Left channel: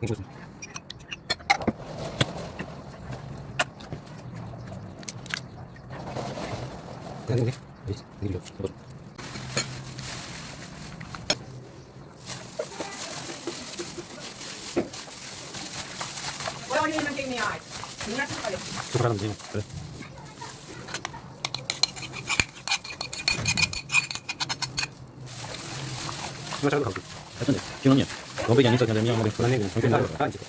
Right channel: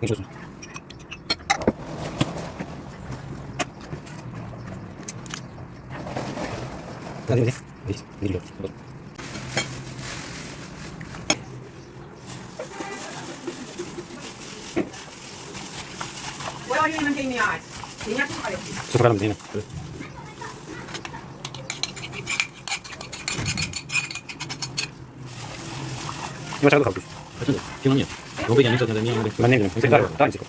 Mucho gusto. Dale, dale. ¿Veis? Dilo. Wala yun naman din niya. Tingnan ko kayo. Suka lang din. Masyado kapit. Ito, yung ano niya. Huwag ba yan ito na dami ang manang. Manang. Ang sindaro. Tayo siko.